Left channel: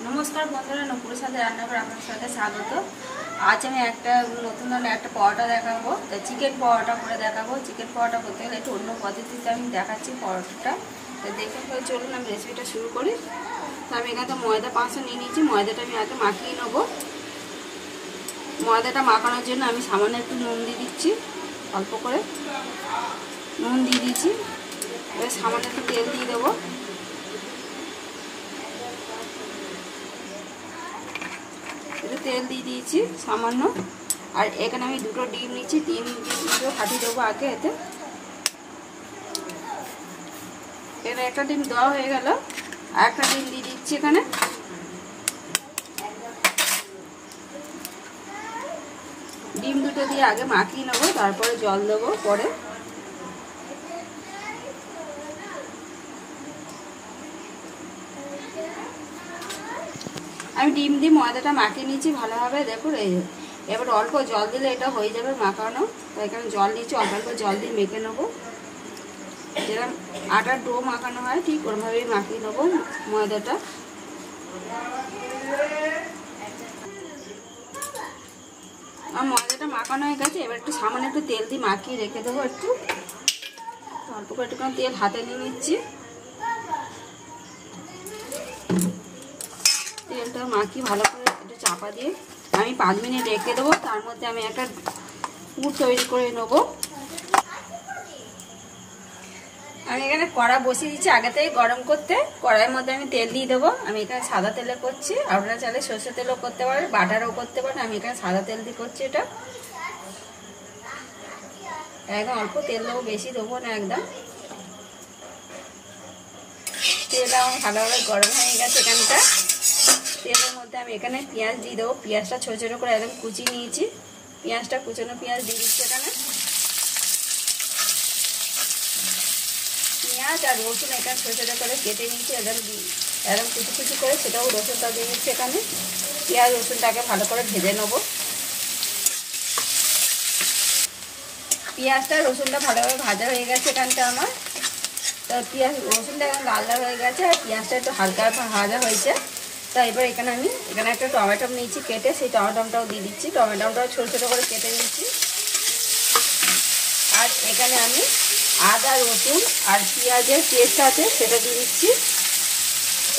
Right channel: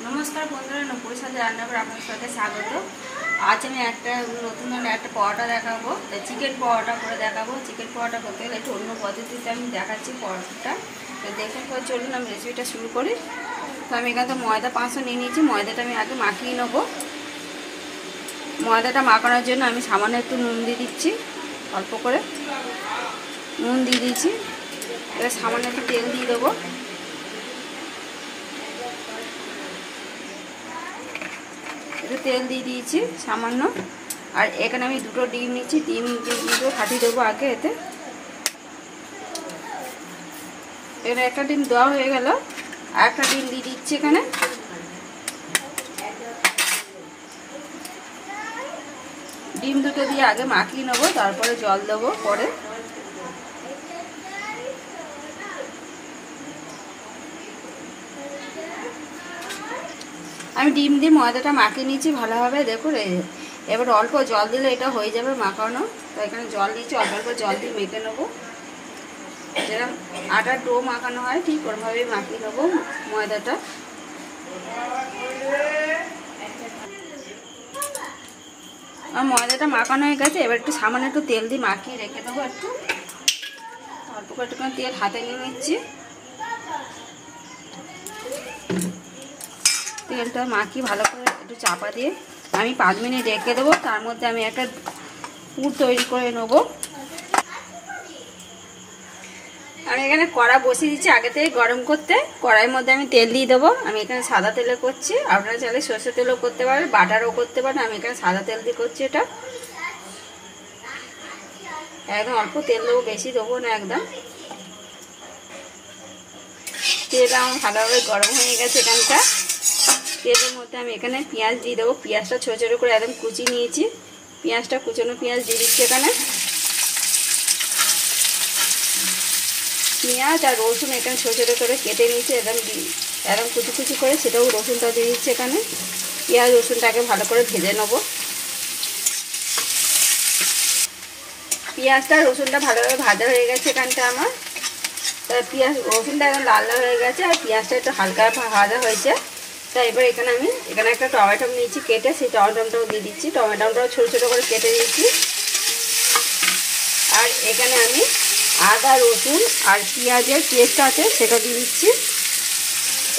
नमस्कार बंधुरा नुपुर साथे रान्नाघर आपनादेर साथे स्वागत। आज आमि एकटा नतुन धरनेर एकटा परोटा देखाबो। चिकेन परोटा करे देखाबो। चिकेन परोटा करते गेले एकटु अन्य पद्धतिते आमि देखाच्छि परोटाटा। तो देखुन परे चलुन आमि रेसिपिटा शुरू करी। तो आमि एखाने मयदा 500 निये निয়েছি। मयदाटा आमि आगे माखिয়ে নেব। मयदाटा माखाনোর জন্য আমি সামান্য একটু নুন দিয়ে দিচ্ছি, অল্প করে নুন দিয়ে দিয়েছি। এবার সামান্য একটু তেল দিয়ে দেব। तेल दिए दिएছি सामान्य और এখানে আমি দুটো ডিম নিয়েছি। ডিম দুটো ফাটিয়ে দেবো আগে। এতে এখানে একটা ডিম দেওয়া হয়ে গেল, আর একটা ডিম দিয়ে দিচ্ছি। এখানে ডিম দুটো দিয়ে আগে মাখিয়ে নেবো, তারপরে জল দেবো পরে। আমি ডিম দিয়ে ময়দাটা মাখিয়ে নিয়েছি ভালোভাবে। দেখুন এবার অল্প জল দিলে এটা হয়ে যাবে মাখানো। তো এখানে জল দিয়েছি, অল্প অল্প জল দিয়ে মেখে নেবো। যেরকম আটার ডো মাখানো হয় ঠিক ওরভাবেই মাখিয়ে নেবো ময়দাটা। আর ময়দাটা মাখানো হয়ে গেছে। এবার একটু সামান্য একটু তেল দিয়ে মাখিয়ে রেখে দেবো। একটু অল্প করে একটুখানি তেল হাতে নিয়ে নিচ্ছি। তেলটা মাখিয়ে ভালো করে একটু চাপা দিয়ে আমি 5 মিনিট রেখে দেবো। তার মধ্যে আমি একটা পুর তৈরি করে নেবো। আমি এখানে কড়া বসিয়ে দিচ্ছি আগে থেকে গরম করতে। কড়াইয়ের মধ্যে আমি তেল দিয়ে দেবো। আমি এখানে সাদা তেলে করছি, আপনারা চাইলে সরষের তেলও করতে পারেন, বাটারও করতে পারেন। আমি এখানে সাদা তেল দিয়ে করছি। এটা একদম অল্প তেল দেবো, বেশি দেবো না একদম। তেল আমার ভালোভাবে গরম হয়ে গেছে। এখানটা তেলের মধ্যে আমি এখানে পেঁয়াজ দিয়ে দেবো। পেঁয়াজটা ছোটো ছোটো করে একদম কুচি নিয়েছি। পেঁয়াজটা কুচানো পেঁয়াজ দিয়ে দিচ্ছি এখানে। পেঁয়াজ আর রসুন এখানে ছোটো ছোটো করে কেটে নিয়েছি একদম কুচি কুচি করে, সেটাও রসুনটা দিয়ে দিচ্ছি এখানে। পেঁয়াজ রসুনটাকে ভালো করে ভেজে নেবো। পেঁয়াজটা রসুনটা ভালোভাবে ভাজা হয়ে গেছে এখানটা আমার। তার পেঁয়াজ রসুনটা একদম লাল লাল হয়ে গেছে, আর পেঁয়াজটা একটু হালকা ভাজা হয়েছে। তো এবার এখানে আমি একটা টমেটো নিয়েছি কেটে, সেই টমেটোটাও দিয়ে দিচ্ছি। টমেটোটাও ছোটো ছোটো করে কেটে দিচ্ছি। আর এখানে আমি আদা রসুন আর পেঁয়াজের পেস্ট আছে সেটা দিয়ে দিচ্ছি।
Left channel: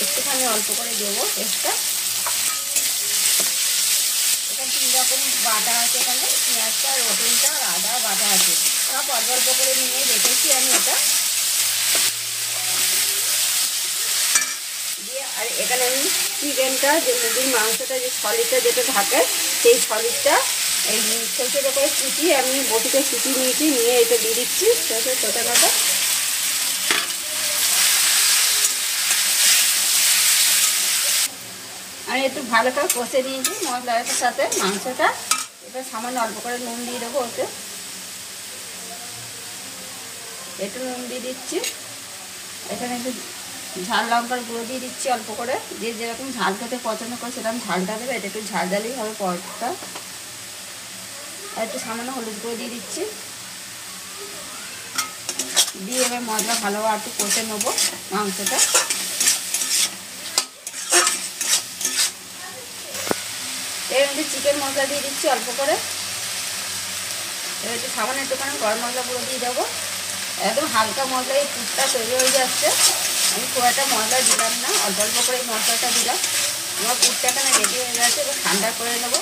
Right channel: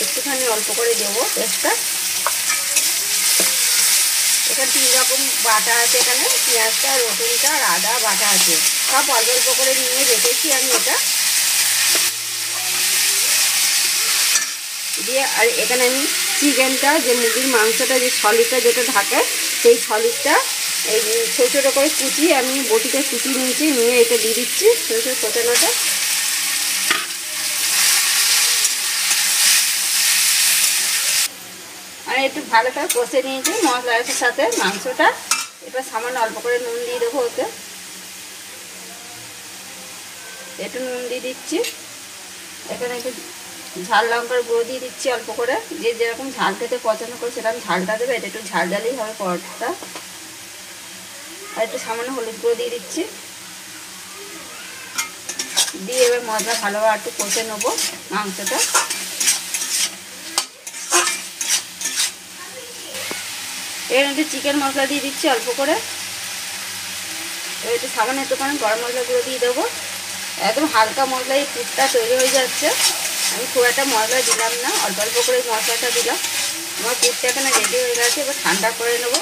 একটুখানি অল্প করে দেবো পেস্টটা। এখানে 3 রকম বাটা আছে। এখানে পেঁয়াজটা, রসুনটা আর আদা বাটা আছে। সব অল্প অল্প করে নিয়ে রেখেছি আমি এটা দিয়ে। আর এখানে আমি চিকেনটা, যে মুরগির মাংসটা, যে সলিডটা যেটা থাকে, সেই সলিডটা এই ছোটো ছোটো করে কুচিয়ে আমি বটিতে কুচিয়ে নিয়েছি। নিয়ে এটা দিয়ে দিচ্ছি ছোটো ছোটো কোচানোটা। আর একটু ভালো করে কষে নিয়েছি মশলাটার সাথে মাংসটা। এবার সামান্য অল্প করে নুন দিয়ে দেবো ওতে। একটু নুন দিয়ে দিচ্ছি। এখানে একটু ঝাল লঙ্কার গুঁড়ো দিয়ে দিচ্ছি অল্প করে। যে যেরকম ঝাল খেতে পছন্দ করে সেরকম ঝালটা দেবে। এটা একটু ঝাল ঝালই হবে পরোটাটা। আর একটু সামান্য হলুদ গুঁড়ো দিয়ে দিচ্ছি। দিয়ে এবার মশলা ভালোভাবে একটু কষে নেবো মাংসটা। এর মধ্যে চিকেন মশলা দিয়ে দিচ্ছি অল্প করে। এবার একটু সামান্য একটুখানি গরম মশলা গুঁড়ো দিয়ে দেবো। একদম হালকা মশলায় পুরটা তৈরি হয়ে যাচ্ছে। আমি খুব একটা মশলা দিলাম না, অল্প অল্প করে মশলাটা দিলাম। আমার পুরটা এখানে রেডি হয়ে গেছে। এবার ঠান্ডা করে নেবো।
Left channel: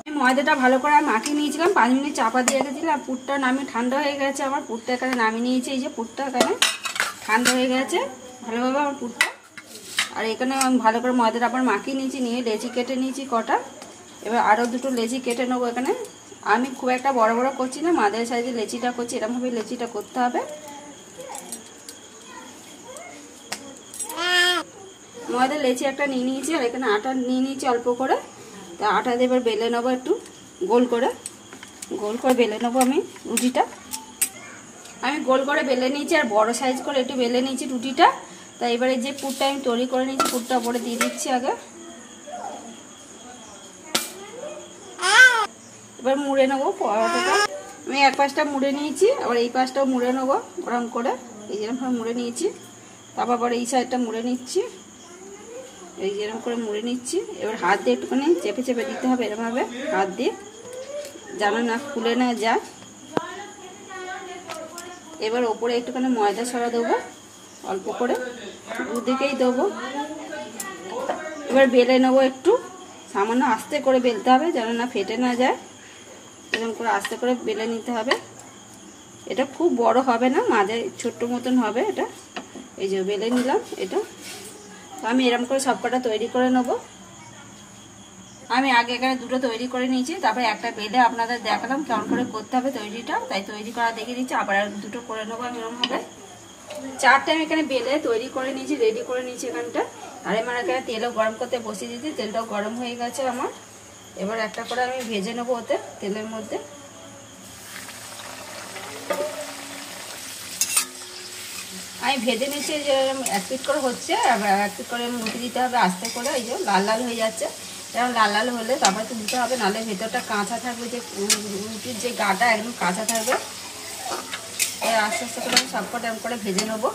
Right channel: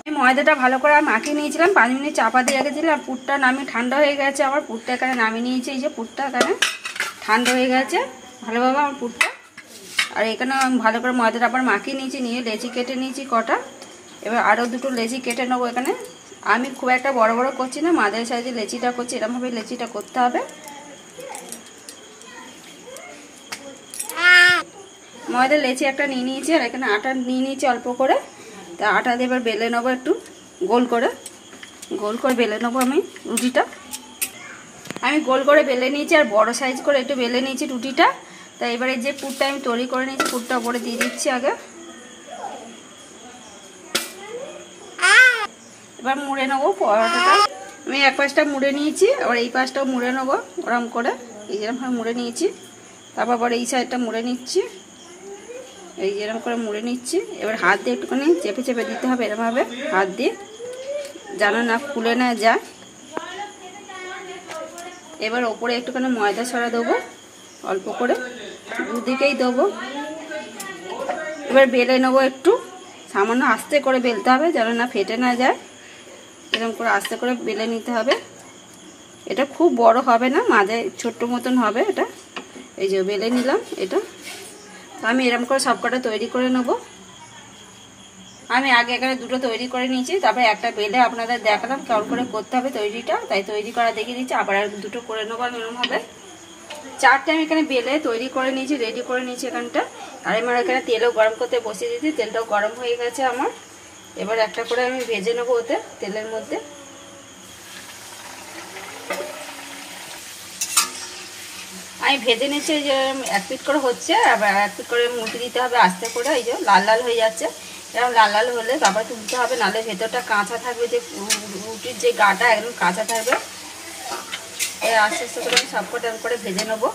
আমি ময়দাটা ভালো করে মাখিয়ে নিয়েছিলাম, 5 মিনিট চাপা দিয়ে রেখেছিলাম। আর পুরটা নামিয়ে ঠান্ডা হয়ে গেছে। আমার পুরটা এখানে নামিয়ে নিয়েছি। এই যে পুরটা এখানে ঠান্ডা হয়ে গেছে ভালোভাবে আমার পুরটা। আর এখানে আমি ভালো করে ময়দাটা আবার মাখিয়ে নিয়েছি। নিয়ে লেচি কেটে নিয়েছি কটা। এবার আরও দুটো লেচি কেটে নেবো এখানে। আমি খুব একটা বড় বড় করছি না, মাঝারি সাইজে লেচিটা করছি। এরকমভাবে লেচিটা করতে হবে। ময়দা লেচি একটা নিয়ে নিয়েছি। আর এখানে আটা নিয়ে নিয়েছি অল্প করে। তা আটা দিয়ে এবার বেলে নেবো একটু গোল করে বেলে নেবো আমি রুটিটা। আমি গোল করে বেলে নিয়েছি, আর বড় সাইজ করে একটু বেলে নিয়েছি রুটিটা। তা এবারে যে পুরটা আমি তৈরি করে নিয়েছি, পুরটা ওপরে দিয়ে দিচ্ছি আগে। এবার মুড়ে নেবো পরোটাটা। আমি এক পাশটা মুড়ে নিয়েছি, আবার এই পাশটাও মুড়ে নেবো ওরকম করে। এই যেরকম ভাবে মুড়ে নিয়েছি। তারপর এই সাইডটা মুড়ে নিচ্ছি। এই যে এরকম করে মুড়ে নিচ্ছি। এবার হাত দিয়ে একটুখানি চেপে চেপে দিতে হবে এরকমভাবে হাত দিয়ে, যেন না ফুলে না যায়। এবার ওপরে একটুখানি ময়দা ছড়া দেবো অল্প করে, দুদিকেই দেবো। এবার বেলে নেবো, একটু সামান্য আস্তে করে বেলতে হবে যেন না ফেটে না যায়। এরকম করে আস্তে করে বেলে নিতে হবে। এটা খুব বড় হবে না, মাঝে ছোট্ট মতন হবে এটা। এই যে বেলে নিলাম এটা। আমি এরকম করে সবকটা তৈরি করে নেব। আমি আগে এখানে দুটো তৈরি করে নিয়েছি, তারপরে একটা বেলে আপনাদের দেখালাম কেমন করে করতে হবে তৈরিটা, তাই তৈরি করা দেখিয়ে দিচ্ছি। আবার দুটো করে নেবো আমি এরকমভাবে। চারটে আমি এখানে বেলে তৈরি করে নিয়েছি, রেডি করে নিয়েছি এখানটা। আর আমার এখানে তেলও গরম করতে বসিয়ে দিয়েছি, তেলটাও গরম হয়ে গেছে আমার। এবার একটা করে আমি ভেজে নেবো ওতে তেলের মধ্যে। আমি ভেজে নিচ্ছি, যে এক পিট করে হচ্ছে, আবার এক পিট করে মুড়ে দিতে হবে আস্তে করে। এই যে লাল লাল হয়ে যাচ্ছে, এরকম লাল লাল হলে তারপর তুলতে হবে, নাহলে ভেতরটা কাঁচা থাকবে, যে রুটির যে গাটা একদম কাঁচা থাকবে। আস্তে আস্তে করে আমি সবকটা এরকম করে ভেজে নেবো।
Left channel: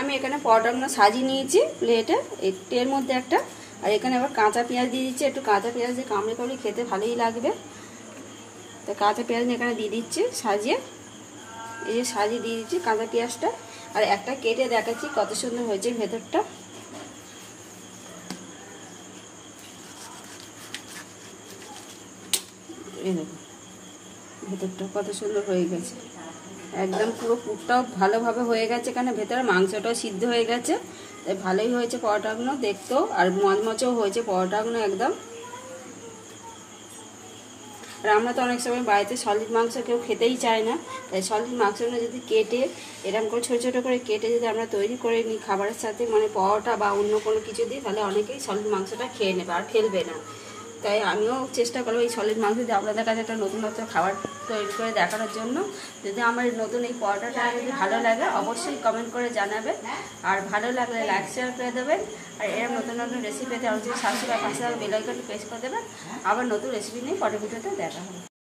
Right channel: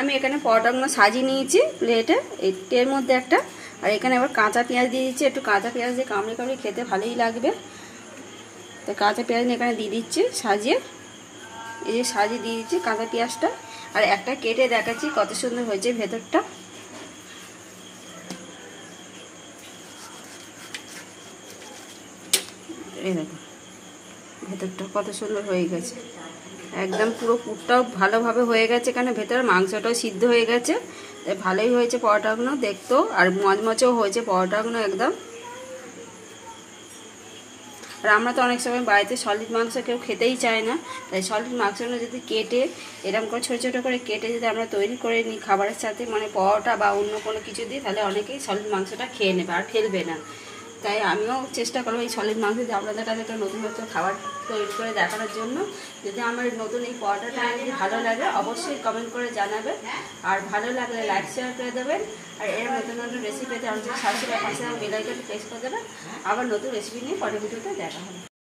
আমি এখানে পরোটাগুলো সাজিয়ে নিয়েছি প্লেটে, এর মধ্যে একটা। আর এখানে আবার কাঁচা পেঁয়াজ দিয়ে দিচ্ছি, একটু কাঁচা পেঁয়াজ দিয়ে কামড়ে কামড়ে খেতে ভালোই লাগবে। তো কাঁচা পেঁয়াজ এখানে দিয়ে দিচ্ছি সাজিয়ে। এই যে সাজিয়ে দিয়ে দিচ্ছি কাঁচা পেঁয়াজটা। আর একটা কেটে দেখাচ্ছি কত সুন্দর হয়েছে ভেতরটা। এই দেখো ভেতরটা কত সুন্দর হয়ে গেছে, একদম পুরো পুরটাও ভালোভাবে হয়ে গেছে। এখানে ভেতরে মাংসটাও সিদ্ধ হয়ে গেছে, তাই ভালোই হয়েছে পরোটাগুলো দেখতেও, আর মচমচেও হয়েছে পরোটাগুলো একদম। আর আমরা তো অনেক সময় বাড়িতে সলিড মাংস কেউ খেতেই চায় না, তাই সলিড মাংসগুলো যদি কেটে এরকম করে ছোটো ছোটো করে কেটে যদি আমরা তৈরি করে নিই খাবারের সাথে, মানে পরোটা বা অন্য কোনো কিছু দিই, তাহলে অনেকেই সলিড মাংসটা খেয়ে নেবে আর ফেলবে না। তাই আমিও চেষ্টা করবো এই সলিড মাংস দিয়ে আপনাদের কাছে একটা নতুন নতুন খাবার তৈরি করে দেখানোর জন্য। যদি আমার নতুন এই পরোটাটা যদি ভালো লাগে অবশ্যই কমেন্ট করে জানাবেন, আর ভালো লাগলে লাইক শেয়ার করে দেবেন। আর এর নতুন নতুন রেসিপি পেতে আমাদের সাবস্ক্রাইব পাশে বেল আইকনটি প্রেস করে দেবেন। আবার নতুন রেসিপি নিয়ে পরের ভিডিওতে দেখা হবে।